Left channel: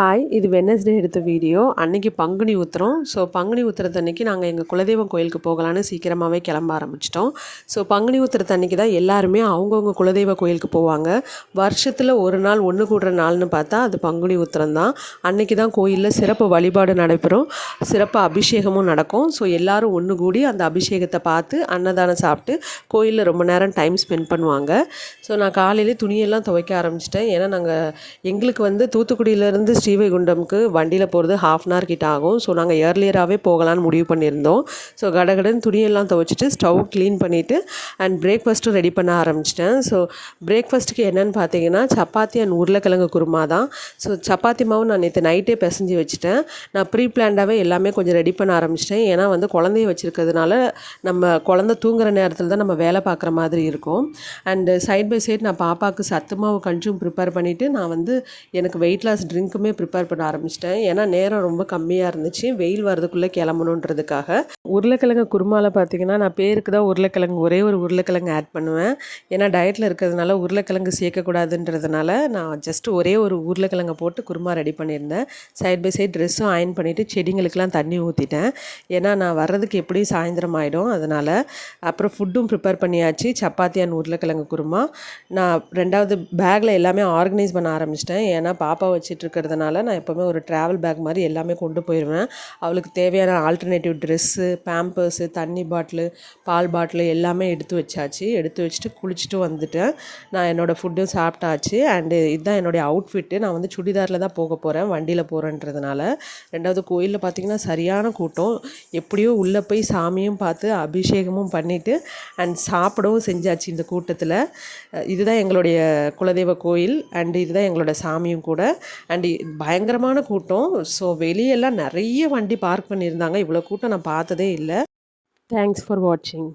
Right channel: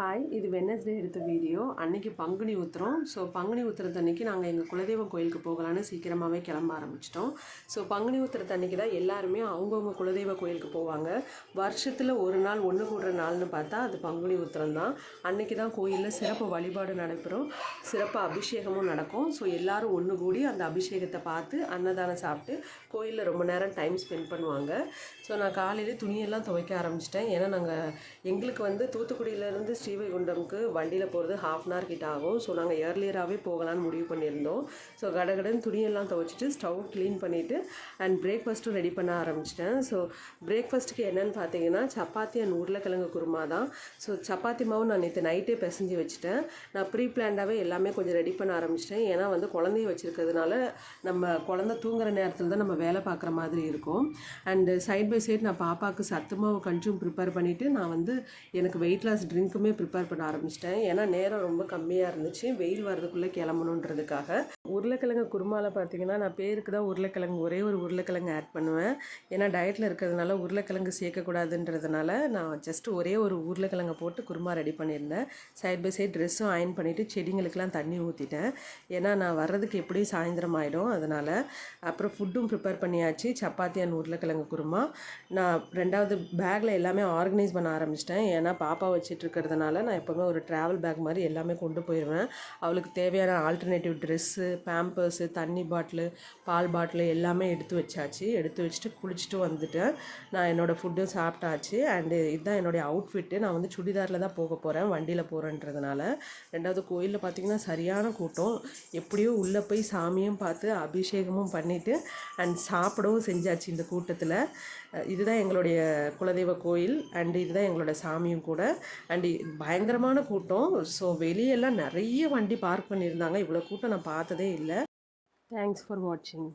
Hi, இது Wednesday எடுத்த video. அன்றைக்கி பங்குனி உத்திரம். ஸோ பங்குனி உத்திரத்தன்னைக்கு நாங்கள் எங்கள் குலதெய்வம் கோயிலுக்கு போகலான்னு சீக்கிரமாகவே கிளம்ப ஆரம்பிச்சிட்டோம். ஸோ பங்குனி உத்திரத்தன்னைக்கு தான் எல்லாருமே அவங்கவுங்க குலதெய்வ கோயிலுக்கு போவாங்க. வருஷத்தில் ஒரு நாள் ஒன்று கூடுற நாள்னு பார்த்தா அது பங்குனி உத்திரம் தான். அன்றைக்கி தான் கோயிலில் சிறப்பு வழிபாடு நடைபெறும், சிறப்பு அபிஷேகமும் நடக்கும். ஸோ எல்லோரும் ஒன்று கூடி அந்த அபிஷேகத்தை பார்த்து அன்னதானம் சாப்பிட்டு கோயிலில் ரொம்ப நேரம் டைம் ஸ்பெண்ட் பண்ணுவாங்க. ஸோ நான் காலையிலே துணியெல்லாம் துவைக்க ஆரம்பிச்சிட்டேன். ஏன்னா எங்களுக்கு தூத்துக்குடியிலேருந்து ஸ்ரீவைகுண்டம்க்கு வண்டியில் போகிறது ½ அன் ஹவர் கிட்ட ஆகும். ஸோ நாங்கள் ஏர்லியராகவே போகலான்னு முடிவு பண்ணியிருந்தோம். ஸோ கடகடன்னு துணியெல்லாம் துவைச்சிட்டு ஸ்டவ் க்ளீன் பண்ணிவிட்டு அண்ட் பிரேக்ஃபாஸ்ட்டும் ரெடி பண்ண ஆரம்பிச்சிட்டேன். ஸோ பிரேக்ஃபாஸ்ட்டுக்கு என்னென்னு பார்த்தீங்கன்னா சப்பாத்தி அண்ட் உருளைக்கிழங்கு குருமா தான். ஸோ சப்பாத்தி மாவு நான் நேற்று நைட்டே பிசைஞ்சு வச்சுட்டேன். நான் ப்ரீ பிளான்டாகவே எல்லாமே கொஞ்சம் ரெடி பண்ண ஆரம்பிச்சிட்டேன். ஏன்னா குழந்தைய வச்சுருக்கிறதுனால நம்ம குழந்தை தூங்குகிற நேரத்தில் தான் நம்ம வேலை பார்க்குற மாதிரி இருக்கும். அண்டு சைட் பை சைட் நான் பாப்பாவுக்கு சத்து மாவு கஞ்சும் ப்ரிப்பேர் பண்ணிவிட்டு நான் எனக்கு வெயிட் லாஸ் ட்ரிங்க்குமே ப்ரிப்பேர் பண்ண ஆரம்பிச்சிட்டேன். ஏன்னா நேரம் ரொம்ப கம்மியாக இருந்துச்சு, வெயில் வரதுக்குள்ளே கிளம்பணுன்றதுக்காக. உருளைக்கிழங்கு குருமாவில் பார்த்தீங்கன்னா நான் பேருக்கு தான் உருளைக்கிழங்கு ஒரே ஒரு உருளைக்கிழங்கு ஆட் பண்ணுவேன். ஏன்னா டயட்டில் இருக்கிறதுனால உருளைக்கிழங்கு சேர்க்கக்கூடாதுன்றதுனால நான் ஜஸ்ட்டு ஒரே ஒரு உருளைக்கிழங்கை போட்டு குருமா ரெடி பண்ணியிருந்தேன். சைட் பை சைட் ட்ரெஸ்ஸும் அயன் பண்ணிவிட்டு செடிங்களுக்கெலாம் தண்ணி ஊற்றிட்டேன். ஏன்னா நான் வர்றதுக்கு எப்படியும் சாயந்தரம் ஆகிடும், அதனால். அப்புறம் ஃபுட்டும் ப்ரிப்பேர் பண்ணியாச்சு, சப்பாத்தி அண்ட் உருளைக்கிழங்கு குருமா. நான் 2வது பேக்கில் எல்லாமே ஆர்கனைஸ் பண்ண ஆரம்பிச்சிட்டேன். ஏன்னா பாப்பா வச்சுட்டு இருக்கிறதுனால நான் எப்போவுமே ஒரு ட்ராவல் பேக் மாதிரி எல்லாமே கொண்டு போயிடுவேன். அவளுக்கு தேவையான ஆல்டர்னேட்டிவ் ட்ரெஸ்ஸு, பேம்பர்ஸு, தண்ணி பாட்டிலு, பால் பாட்டிலு எல்லாமே எடுத்து வச்சாச்சு. எடுத்து வச்சுட்டு குளிச்சுட்டு வந்துட்டேன். நான் என்னோடய ஃபுட்டும் சாப்பிட்டாச்சு. அண்டு இதுதான் என்னுடைய அவுட்ஃபிட்டு. நான் சுடிதாரில் தான் போக போகிறேன், வண்டியில் போகிறேன்றதுனால. 2வது கோயிலில் பார்த்திங்கன்னா சரியான கூட்டம். எப்படியோ உள்ளே போய் சாமியும் பார்த்து அபிஷேகமும் பண்ணிவிட்டு அண்ட் சாப்பிடவும் செஞ்சாச்சு இந்த கூட்டத்தில். இதுதான் எங்களுடைய குலதெய்வ கோயில் அண்டு இதுதான் எங்களோட சாமியும் கூட. அண்டு பயங்கரமான கூட்டம். ஸோ வெளியெல்லாம் நிறைய வண்டி பார்க் பண்ணியிருந்தாங்க. இவ்வளோ கூட்டம் நான் பார்த்ததே இல்லை. தேங்க்ஸ் ஃபார் வாட்சிங்.